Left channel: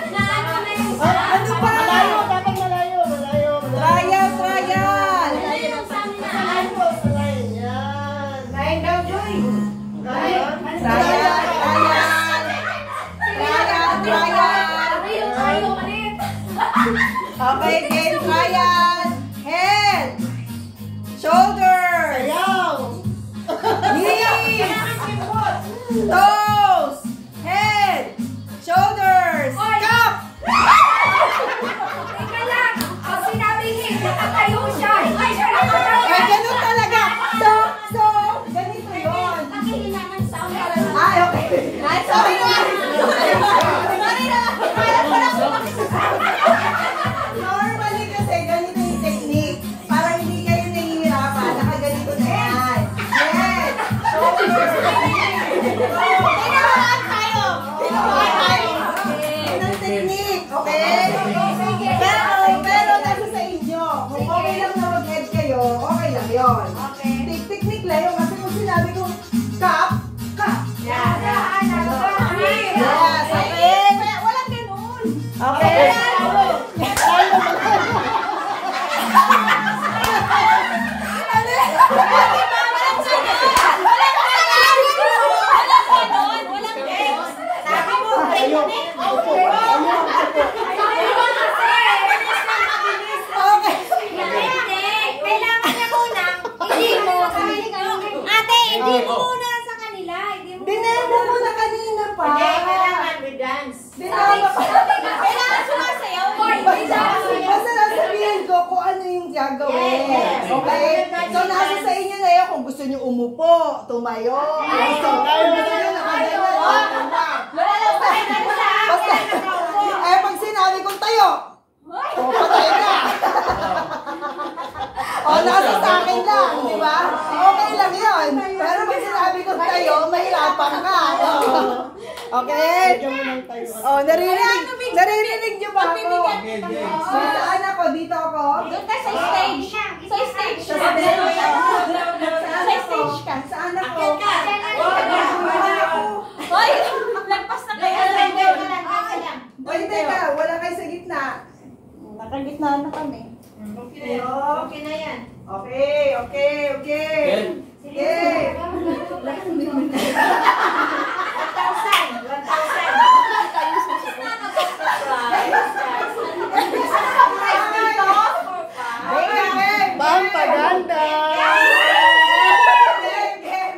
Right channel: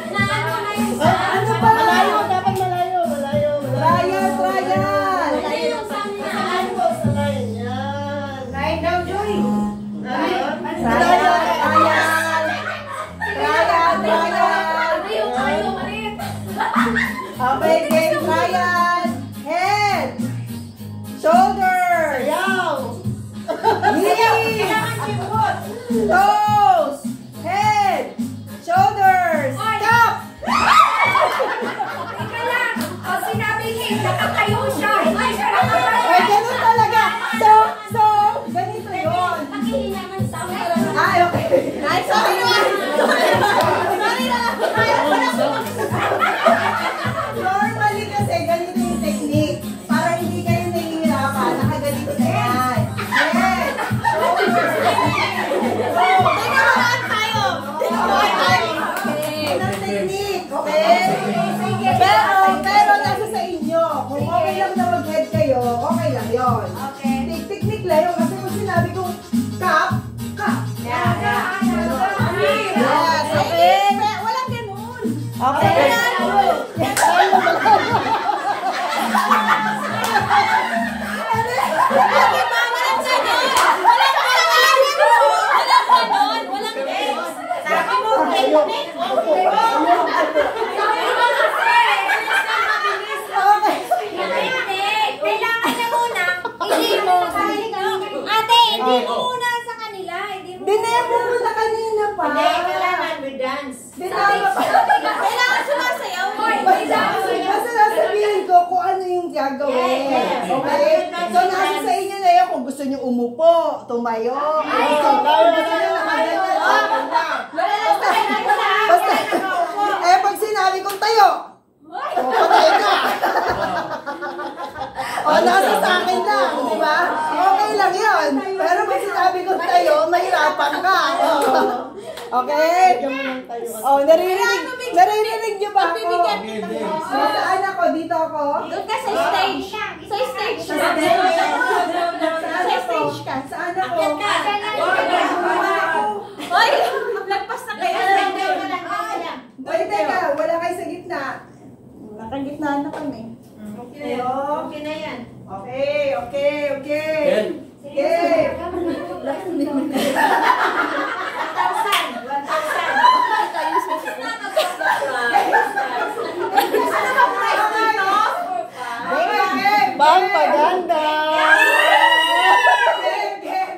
Ano ba? Malayo, dapat malayo. Trial. Malayo sa line. Yan. Line down, Joy. Trial. Okay, game trial. Head. Shoulders. Knees. Toes. Head. Shoulders. Cup. Teka lang. Ang sinabing hit, nakatayo siya. Ay, ganun talaga. So, ganito yun. Pakihina ng sound para na. Ay, okay. Ay, sorry na. Normally kasi ganito yung technique. Para hindi kayo nahihirapan. Nakaganito na yan. Yes. Shoulders. Tinamaan tayo. Yan ang technique. Okay? Pero nasa sa inyo. Kung okay lang na mag-head kayo, okay lang yun. Technique lang yun. Kasi kung sinabi kong cup. Yes, okay. Walang ganun. Okay. Dinemo ko na kanina pa. Kailangan we dance. Kailangan sumasayaw. Basta nasabihin ko kung ano yung gagawin. Okay? So, nasa sa inyo na yun kung gusto nyo umupo, tumayo. Kung gusto nyo nakagalan. Basta, pag sinabi kong tayo, patay na. Nasa sa akin lang, di ba? Okay lang yun. Pero pag sinabi kong tayo, mahirapan ka. Okay? Naririnig nyo ba ako? Saan ako? Dito ako? Doon ka sa stage. Sa stage. Saan ako? Saan ako? Hoy, lagpas na kayo. Oy, teka, wala kayo sa gitna. Nakagitna na kami. Okay na yan. Okay. Sige. 1,000. Bang paganda!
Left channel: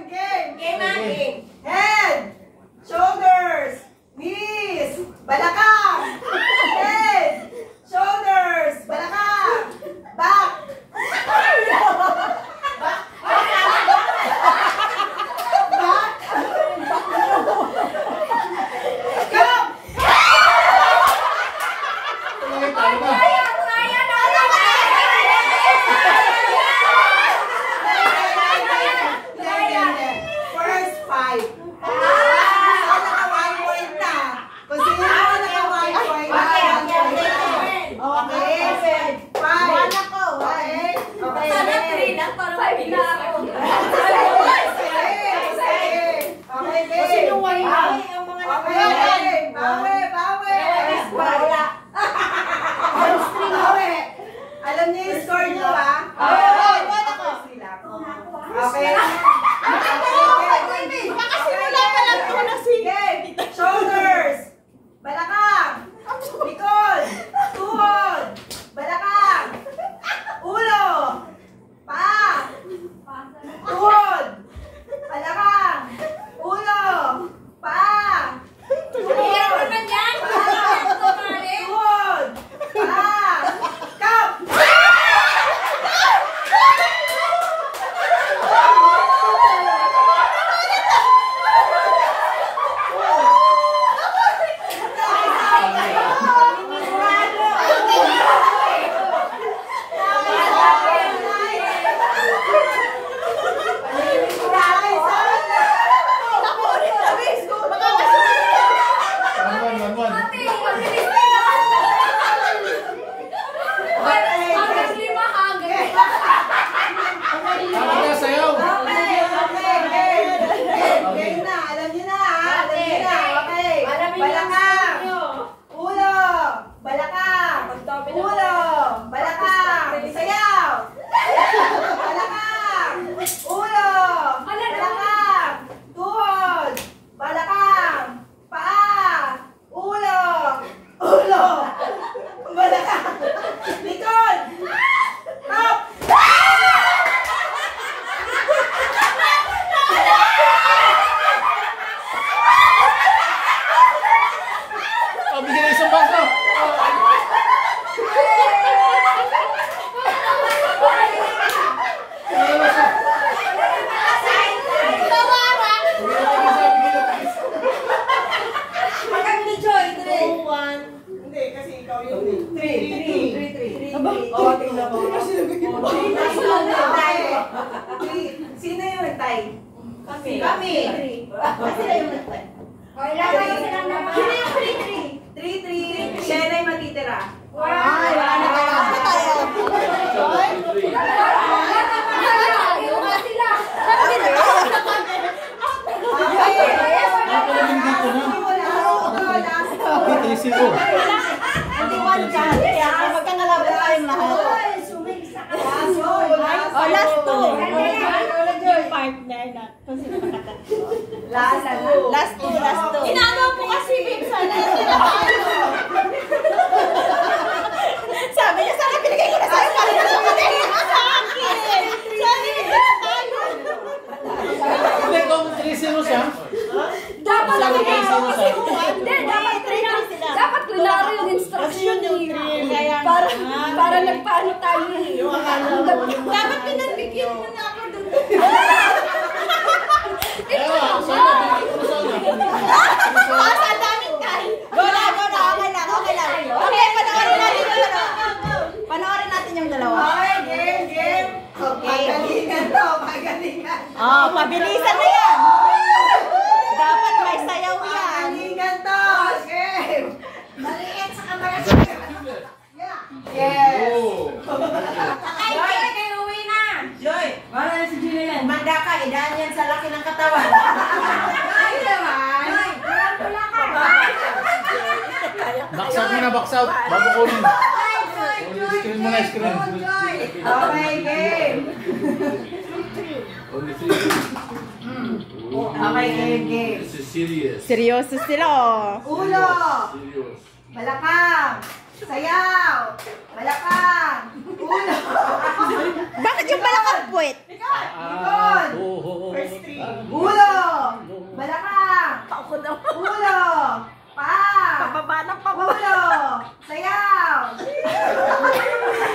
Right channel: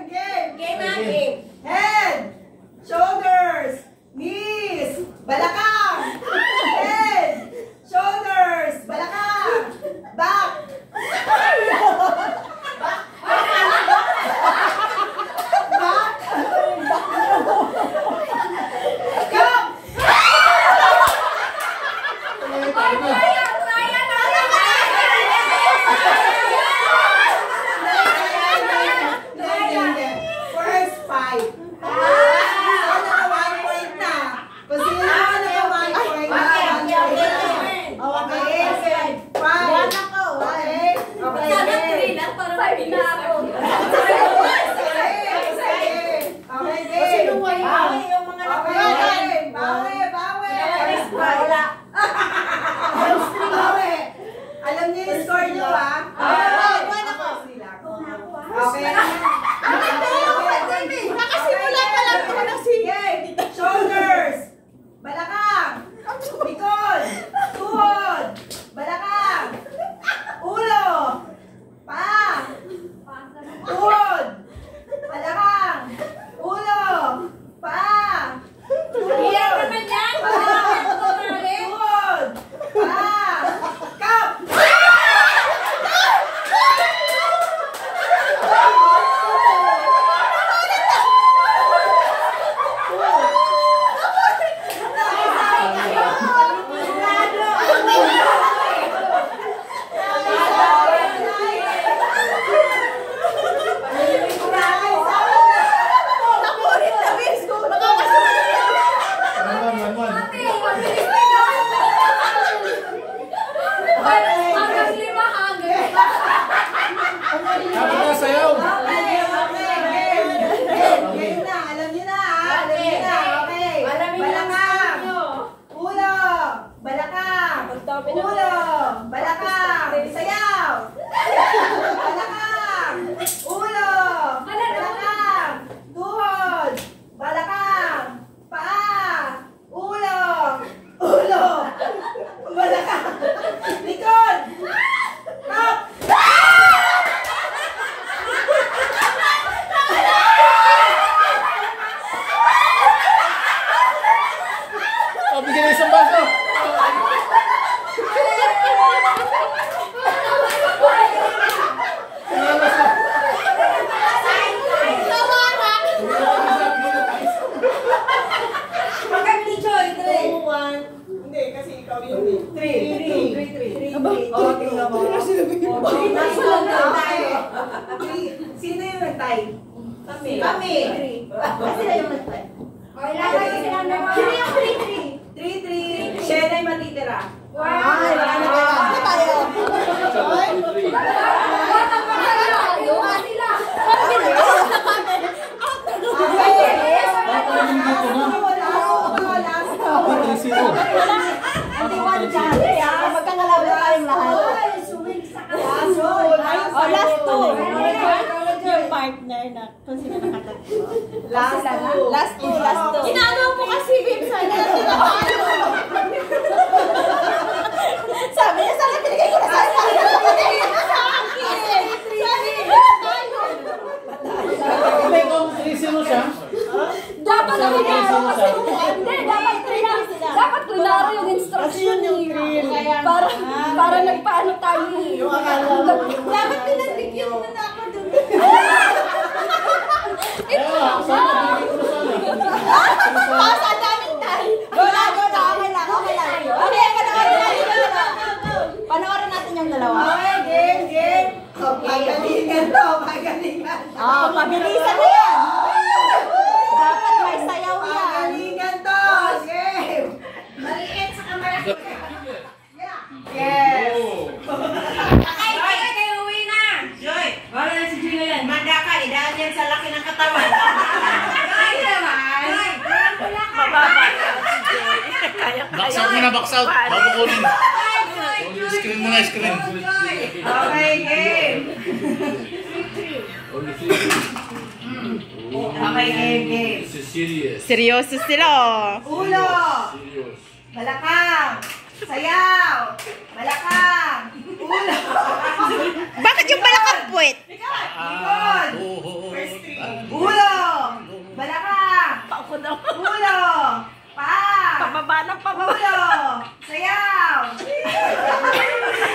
Game. Head, shoulders, knees, balakang. Head, shoulders, balakang. Back. First five. Sana ka 1 point na. Kung sino ka naka 1 point na. Okay. 5. Okay. Sana 3 lang para sabi na ako. Okay, bawi. Alam niyo yung score niyo, ha? Okay. Nakasimula pa lang ako na sige. Shoulders. Balakang. Likod. Tuhod. Balakang. Ulo. Paa. Tuhod. Balakang. Ulo. Paa. Tuhod. Paa. Tuhod. Paa. Cup. Game na. Alam niyo na, ha? Alam niyo na. Okay. Balakang. Ulo. Ulo. Balakang. Sayaw. Balakang. Ulo. Balakang. Tuhod. Balakang. Paa. Ulo. Ulo. Balakang. Likod. Top. Oh, bigyan ng isang baso. Hindi, kasi ikaw yun eh. 3. Sino yung nagtay? Kami. Sino yung nagtay? Sino yung 3-3? Siya na yung matitira. Ay, wala na tayo. Partner na kung sino nakatatlo. Last two. Inaano po kasi babe sana. Sabi niya sana pinigay ko na sa akin. Sa akin. Sabi niya tayo. Hindi, kung 3-0 siya. Dapat Sabi nabigay ko, ako kasi hindi, dapat klaro yung instruction para nagpaano tayo dapat pinagbigyan mo na ako doon. Ewa, sana binigay ko na sana. Sa daming tayo. Wala, okay lang. Okay, panoorin natin yung dalawa. Okay, game. Magalingan to, magalingan. Oh, mabilisan na yan. Dapat may sayaw yan. Magalingan to, game. Maliit sa kamera. Yes. Kayo uwi na. Joy, wala na si Joy na yan. Manda ka, idaan yan sa laki ng katawan. Ay naman. Wala ka. Box out muna, box out. Bago kunin. Screen muna, screen. Okay, game. Okay, game. This is serious. Seryoso sila. Ulo. Serious. Balakang. Sayaw. Balakang. Ulo. Bakit yung balakang puwet? Likod. Oh. Ulo. Balakang. Ulo. Paa. Pababa ng Ulo. Sayaw.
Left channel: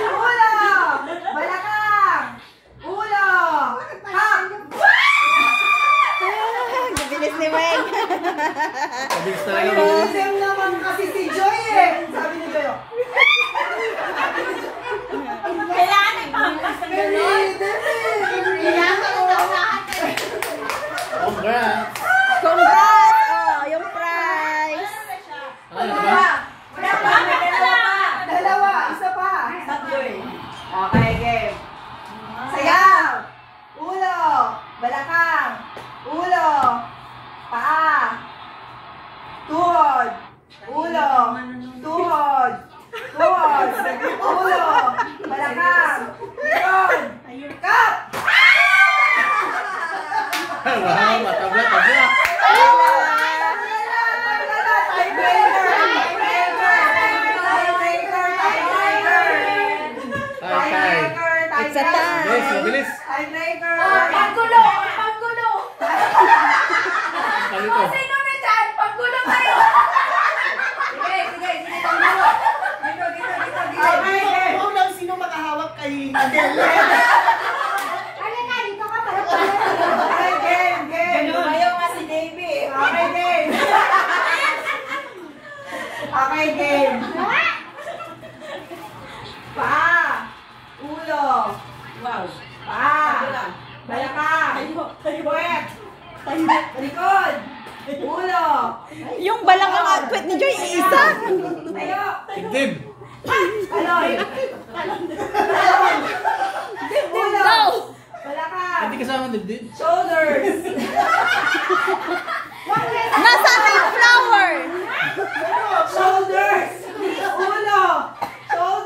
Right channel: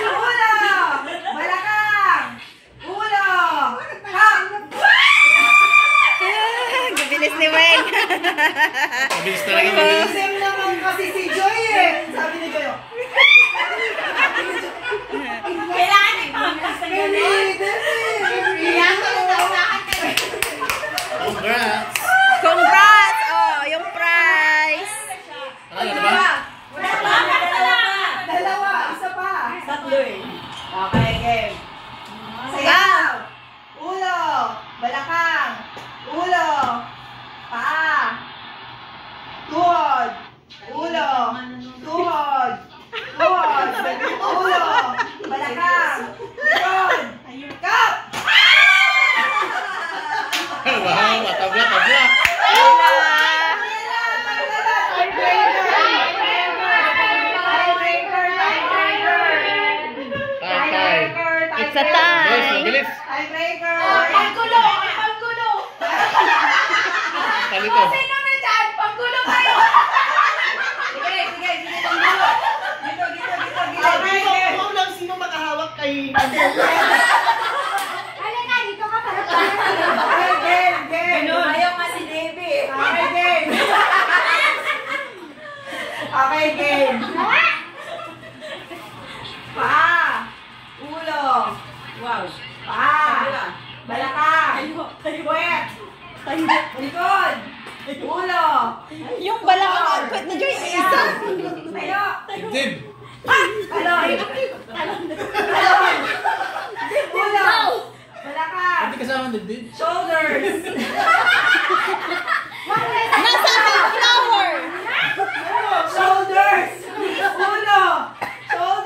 Ulo. Balakang. Ulo. Hop. Gabilis ni Weng. Mabilis talaga, mabilis. Same naman kasi si Joy eh. Sabi ni Joy. Kailangan ipampas na gano'n. Congrats. Congrats! Oh, yung prize. Ano ba? Dalawa. Isa pa. Tatlo eh. Okay, game. Sayaw. Ulo. Balakang. Ulo. Paa. Tuhod. Ulo. Tuhod. Tuhod. Ulo. Balakang. Likod. Kap! Wow, tabla. It's a tie. Bilis, mabilis. Tiebreaker. Paggulo. Kalito. Sino na dyan? Paggulo tayo. Sige. Paggulo. Dito. Kung lang sino makahawak kay Halika, dito ka para game. Ayaw nga si Davey. Okay, game. Paa. Ulo. Wow. Paa. Balakang. Puwet. Likod. Ulo. Yung balakang at puwet ni Joy isa. Tayo. Dibdib. Talon. Ulo. Balakang. Hindi kasama ang dibdib. Shoulders. Nasaan yung flower? Shoulders. Ulo. Shoulders.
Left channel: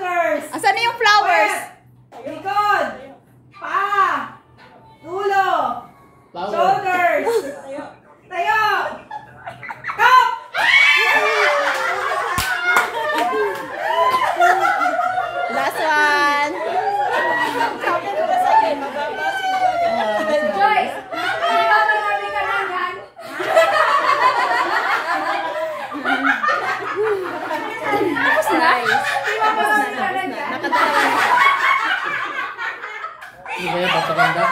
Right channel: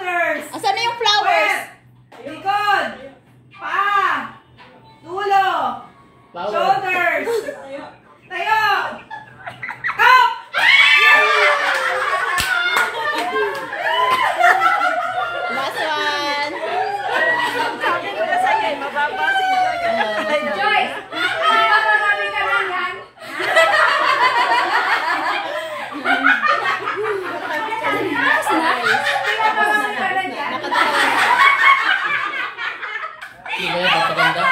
maganda.